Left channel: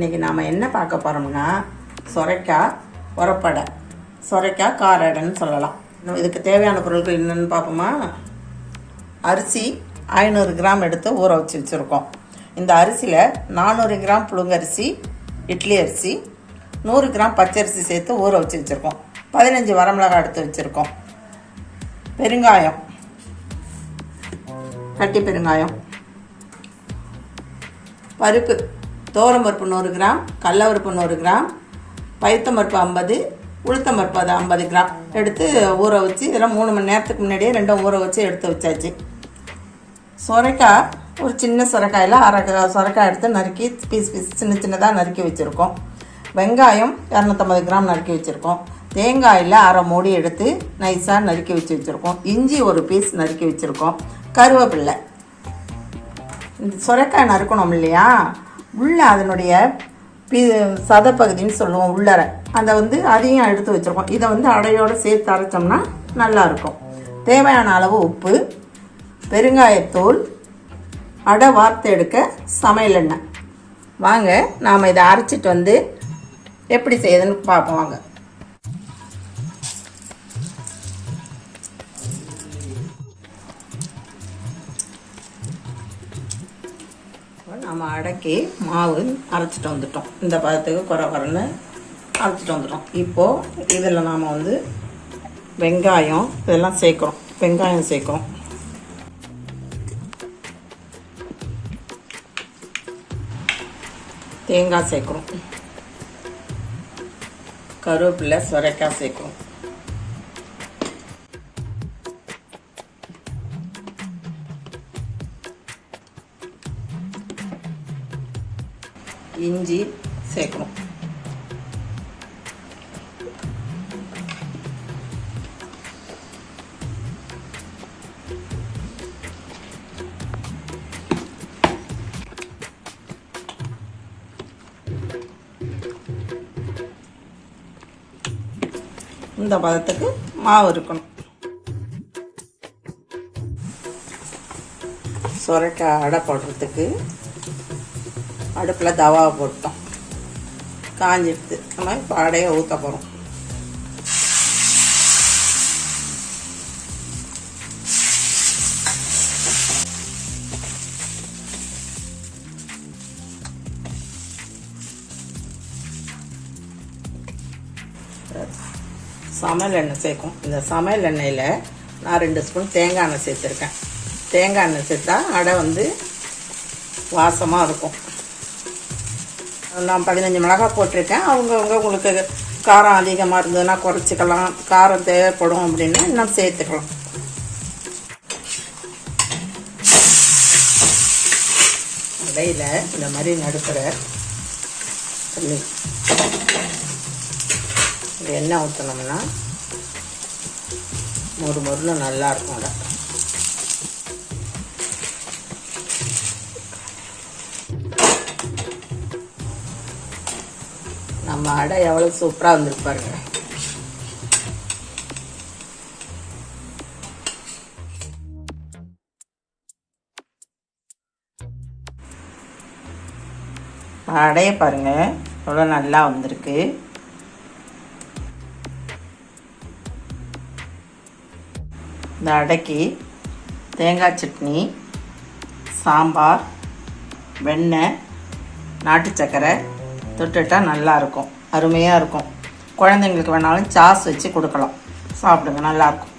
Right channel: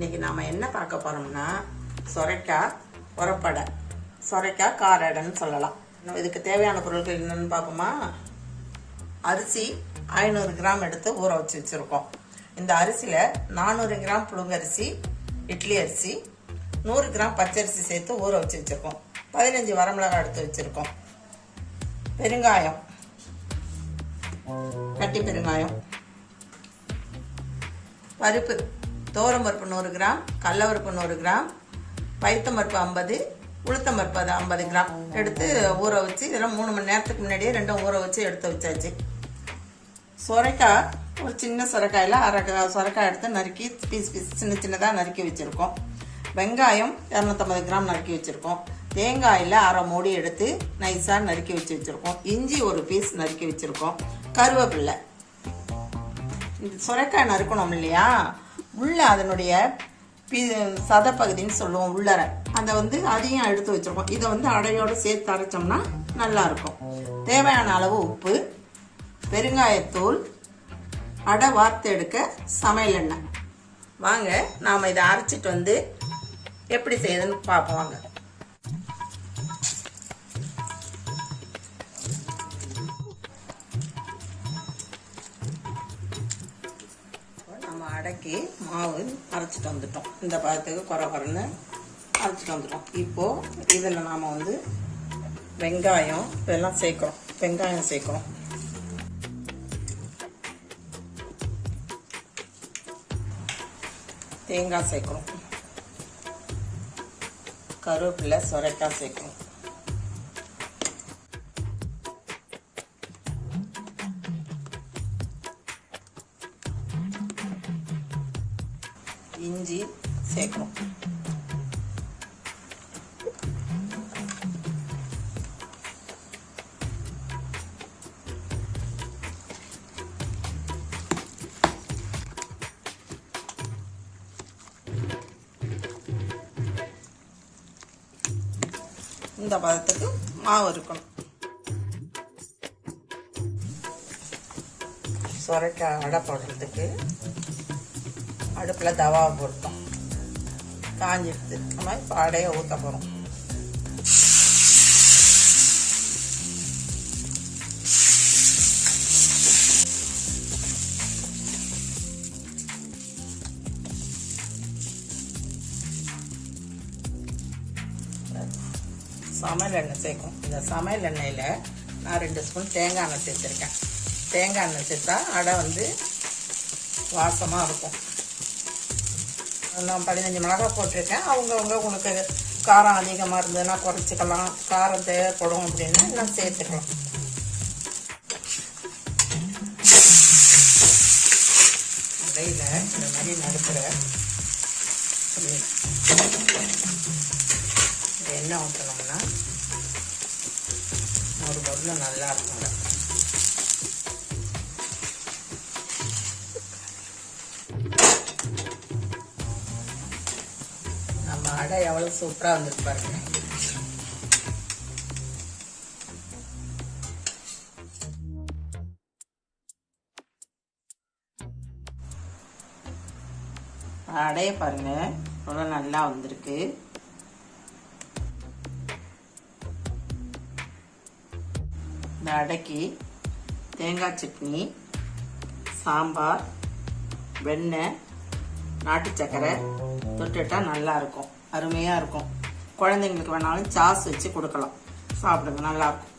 இன்னைக்கு நாம் என்ன பார்க்க போகிறோம்னா சொரைக்காய் உரப்படை. சொரைக்காய் காரடைன்னு சொல்லலாம். இதுக்கு தேவையான பொருட்கள் என்னென்னு பார்ப்போமா? அரிசி ஐநூறு கிராம் எடுத்து ஊற வச்சு வச்சுருக்கோம். இந்த அரிசியில் நானூறு கிராம் புழுங்கரிசி இட்லி அரிசி நூறு கிராம் பச்சரிசி சேர்த்து ஊற வச்சு வச்சுருக்கோம். பதினஞ்சு வரமிளகாய் எடுத்து வச்சுருக்கோம். பெருங்காயம். கட்டி பெருங்காயம். பருப்பு. பருப்பு நூறு கிராம் கடலவருப்பு நூறு கிராம் பைத்தம் பருப்பு ஐம்பது உளுத்தம்பருப்பு அது ஐம்பது கிராம். எடுத்து ஊற வச்சு இதெல்லாம் மூணு மணி நேரத்துக்கு முன்னாடியே ரெண்டும் ஊற வச்சு எடுத்து வச்சாச்சு. சொரைக்காய் ஒரு சின்ன சொரைக்காயில் அரை க- சொரைக்காய் எடுத்து நறுக்கி பீஸ் பீஸ் சின்ன சின்னதாக நறுக்கி வச்சுருக்கோம். வெங்காயம் இரநூத்தம்பது கிராம் நறுக்கி வச்சுருக்கோம். தேங்காயில் அரை மூடி எடுத்து நைஸாக நறுக்கி வச்சு வச்சுருக்கோம். இஞ்சி ஒரு பீஸ் நறுக்கி வச்சுருக்கோம். கருவேப்பில்லை. இந்த சுரைக்காய் நறுக்கணும் இல்லையா? உள்ள அதனுடைய பி சதப்பகுதின்னு சொல்லுவோம் உள்ளர. அதை வந்து அதையும் எடுத்து வச்சுருக்கோம். இதை வந்து அடையோடு சேர்த்து அரைச்சோம்னா நல்லாயிருக்கும் தேவையான அளவு உப்பு பெருங்காயத்தூள் அடை வார்த்து எடுக்க சமையல் எண்ணெய். வாங்க நாம் இதை அரைச்சிட்டு வந்து எப்படி செய்யுதுன்னு பார்ப்போம் வாங்க. நம்ம அடக்கி மாவு அரைச்சிட்டு வந்துட்டோம். இந்த பதத்துக்கு குறை குறைன்னு அரைச்சிட்டு வந்துட்டோம். இப்போது இதில் நாம் வந்து வெங்காயம் இதெல்லாம் சேர்க்குறோம். வெங்காயம் சேர்க்குறோம். தேங்காய் சேர்க்குறோம். கருவேப்பிலை சுரைக்காய் சேர்க்குறோம். இஞ்சி சேர்க்கணும். இந்த பதத்துக்கு மாவு இருக்கணும். சுரைக்காய் அடை போடுறதுக்கு அடுப்பில் தவாவை போட்டோம். காஞ்சிடுது. நம்ம இப்போ அடையை ஊற்ற போகிறோம் சமையல் எண்ணெய் சேர்க்கும். இந்த சமையல் எண்ணெயில் நான் ரெண்டு ஸ்பூன் தேங்காய் எண்ணெய் சேர்த்துருக்கேன். தேங்காய் எண்ணெய் சேர்த்தா அடை வந்து வாசமாக இருக்கும். நான் பதினஞ்சு மிளகாய் போட்டிருக்கேன். அவங்கவுங்க உங்களுக்கு காரம் அதிகமாக இருந்ததுன்னா குறைச்சிக்கலாம். காரம் தேவைப்படும் அப்படின்னா இன்னும் சேர்த்துக்கலாம். இடையில இந்த மாதிரி நடுப்புற சொல்லி இது எண்ணெய் ஊற்றினோம்னா மொறு மொறுன்னு நல்லா நம்ம அடை எவ்வளோ சூப்பராக வந்திருக்கு பாருங்க. அடைய பாருங்க எவ்வளோ நல்லா வந்திருக்கு. இந்த அடைக்கு தேங்காய் சட்னி சாம்பார் வெண்ணெய் நாட்டு சக்கரை தொட்டுட்டா நல்லா இருக்கும். அருமையாக இருக்கும். குழந்தைங்களுக்கு வேணாலும் சாஸ் வச்சு கொடுக்கலாம். சாப்பிடுங்க நல்லாயிருக்கும்